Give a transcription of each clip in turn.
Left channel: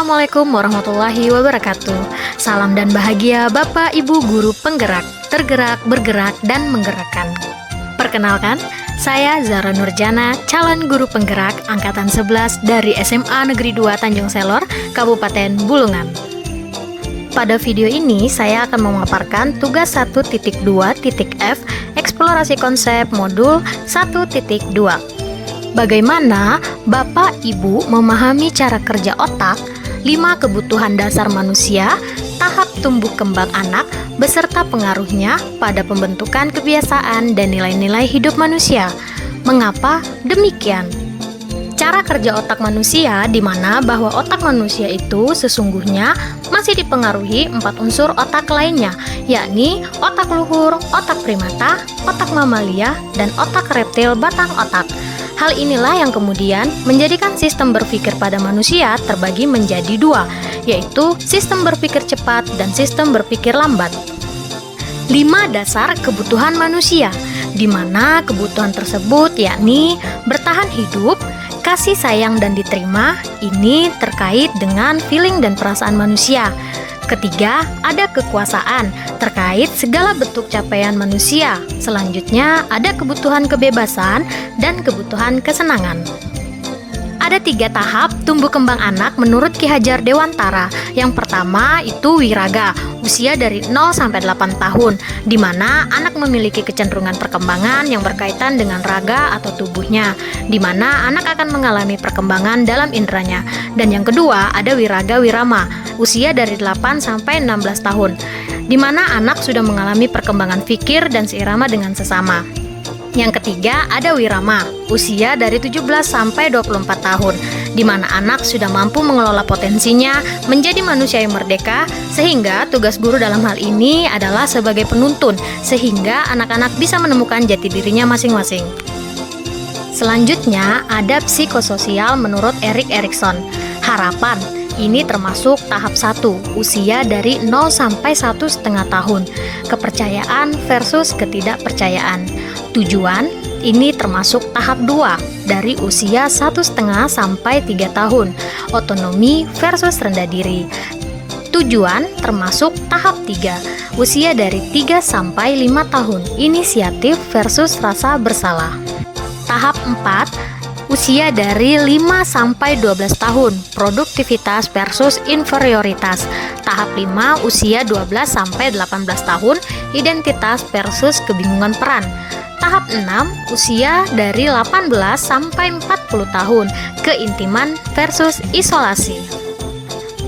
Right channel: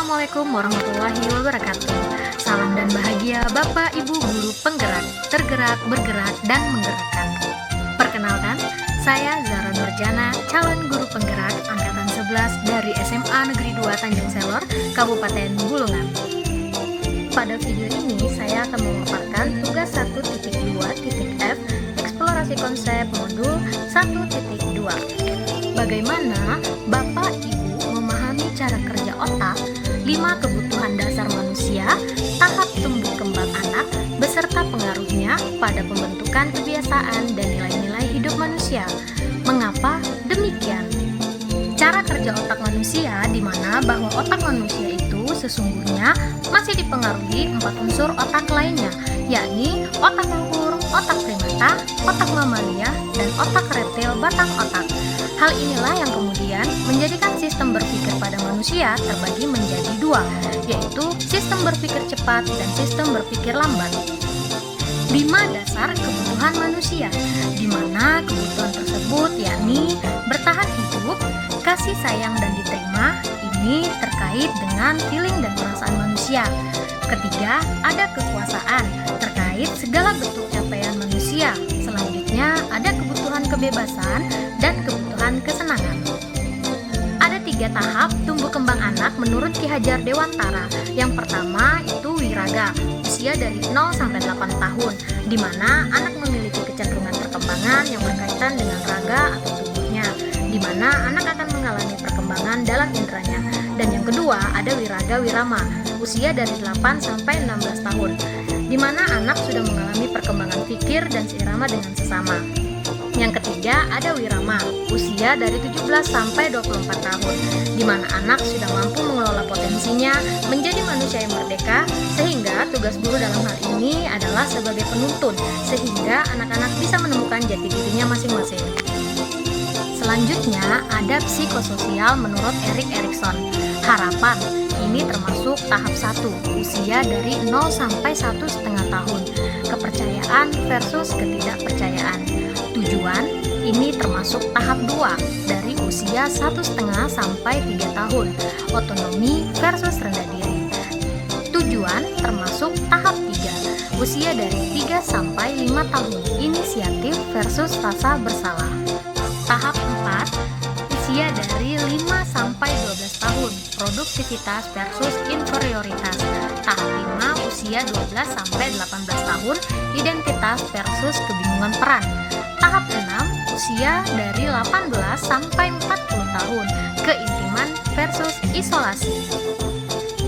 Assalamualaikum warahmatullahi wabarakatuh. Salam dan bahagia Bapak Ibu Guru Penggerak, tergerak, bergerak, dan menggerakkan. Perkenalkan, saya Zara Nurjana, calon guru penggerak Angkatan 11 dari SMA Negeri 2 Tanjung Selor, Kabupaten Bulungan. Pada video ini, saya akan memaparkan tugas 1.2.f eksplorasi konsep modul 1.2. Bagaimana Bapak Ibu memahami cara kerja otak, 5 kebutuhan dasar manusia, tahap tumbuh kembang anak, beserta pengaruhnya pada pembentukan kebiasaan dan nilai-nilai hidup manusia. Mengapa demikian? Cara kerja otak manusia, di mana bahwa otak manusia itu sesungguhnya masih dipengaruhi 4 unsur otak lainnya, yakni otak luhur, otak primata, otak mamalia, dan otak reptil batang otak. Hal inilah yang kemudian menjadikan sistem berpikir pada manusia terbagi menjadi 2, yaitu sistem berpikir cepat dan sistem berpikir lambat. 5 dasar kebutuhan manusia, di mana kebutuhan tersebut yakni bertahan hidup, kasih sayang dan diterima, ini terkait dengan feeling dan perasaan manusia. Ketiga, ada kekuasaan, terkait segala bentuk capaian manusia. Selanjutnya, ada kebutuhan kebebasan dan kebutuhan kesenangan. Ada 3 tahap tumbuh kembang anak menurut Ki Hajar Dewantara. Yang pertama itu wiraga, usia dari 0 sampai 8 tahun, di mana anak memiliki kecenderungan perkembangan yang berkaitan dengan raga atau tubuhnya, di mana anak akan mengalami perkembangan dalam inderanya. Dan yang kedua, ada wiraga wirama, usia dari 8 sampai 16 tahun, di mana anak sudah mengalami perkembangan fikir dan seirama dengan sesama. Yang ketiga, ada wirama, usia dari 17 sampai 24 tahun, di mana anak sudah mampu mengelola potensinya menjadi manusia yang merdeka, sehingga tugas guru dalam hal ini adalah sebagai penuntun, sehingga anak-anak bisa menemukan jati dirinya masing-masing. Selanjutnya, ada psikososial menurut Erik Erikson. Harapan, ini termasuk tahap 1, usia dari 0 sampai 1,5 tahun. Kepercayaan versus ketidakpercayaan. Tujuan, ini termasuk tahap 2, dari usia 1,5 sampai 3 tahun. Otonomi versus rendah diri. Tujuan termasuk tahap 3, usia dari 3 sampai 5 tahun. Inisiatif versus rasa bersalah. Tahap 4, usia dari 5 sampai 12 tahun, produktivitas versus inferioritas. Tahap 5, usia 12 sampai 18 tahun, identitas versus kebingungan peran. Tahap 6, usia dari 18 sampai 40 tahun, keintiman versus isolasi.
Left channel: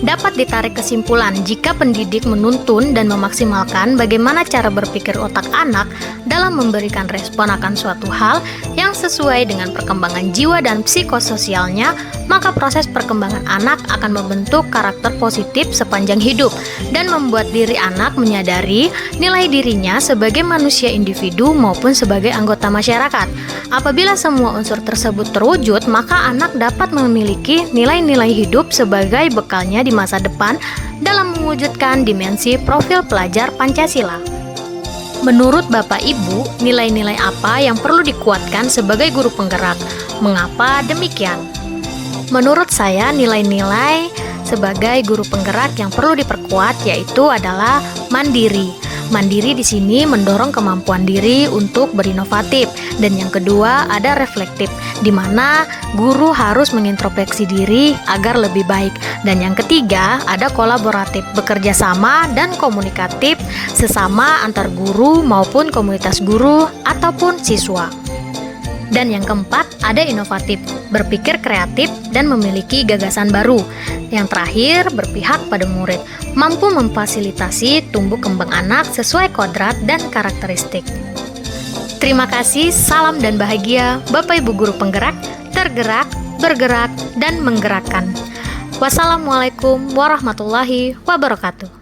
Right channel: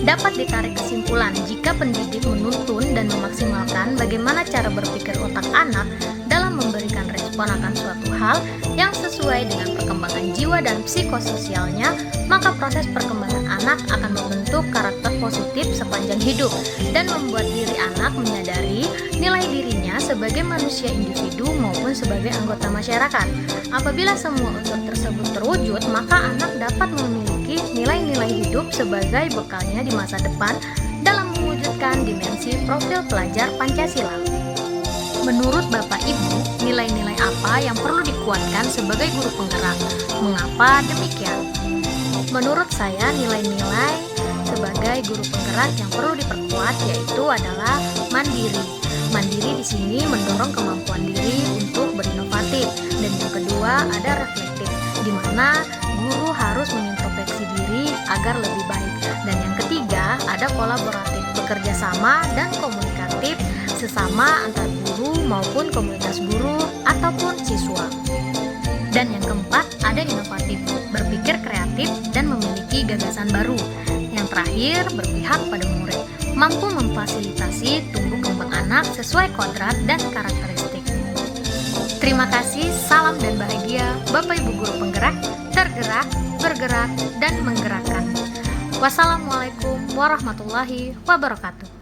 Dapat ditarik kesimpulan jika pendidik menuntun dan memaksimalkan bagaimana cara berpikir otak anak dalam memberikan respon akan suatu hal yang sesuai dengan perkembangan jiwa dan psikososialnya, maka proses perkembangan anak akan membentuk karakter positif sepanjang hidup dan membuat diri anak menyadari nilai dirinya sebagai manusia individu maupun sebagai anggota masyarakat. Apabila semua unsur tersebut terwujud, maka anak dapat memiliki nilai-nilai hidup sebagai bekalnya di masa depan dalam mewujudkan dimensi profil pelajar Pancasila. Menurut Bapak Ibu, nilai-nilai apa yang perlu dikuatkan sebagai guru penggerak? Mengapa demikian? Menurut saya, nilai-nilai sebagai guru penggerak yang perlu diperkuat yaitu adalah mandiri. Mandiri di sini mendorong kemampuan diri untuk berinovatif, dan yang kedua ada reflektif, di mana guru harus mengintrospeksi diri agar lebih baik, dan yang ketiga ada kolaboratif, bekerja sama dan komunikatif sesama antar guru maupun komunitas guru ataupun siswa. Dan yang keempat ada inovatif, berpikir kreatif dan memiliki gagasan baru. Yang terakhir berpihak pada murid, mampu memfasilitasi tumbuh kembang anak sesuai kodrat dan karakteristik. Terima kasih, salam dan bahagia Bapak Ibu Guru Penggerak, tergerak, bergerak, dan menggerakkan. Wassalamualaikum warahmatullahi wabarakatuh.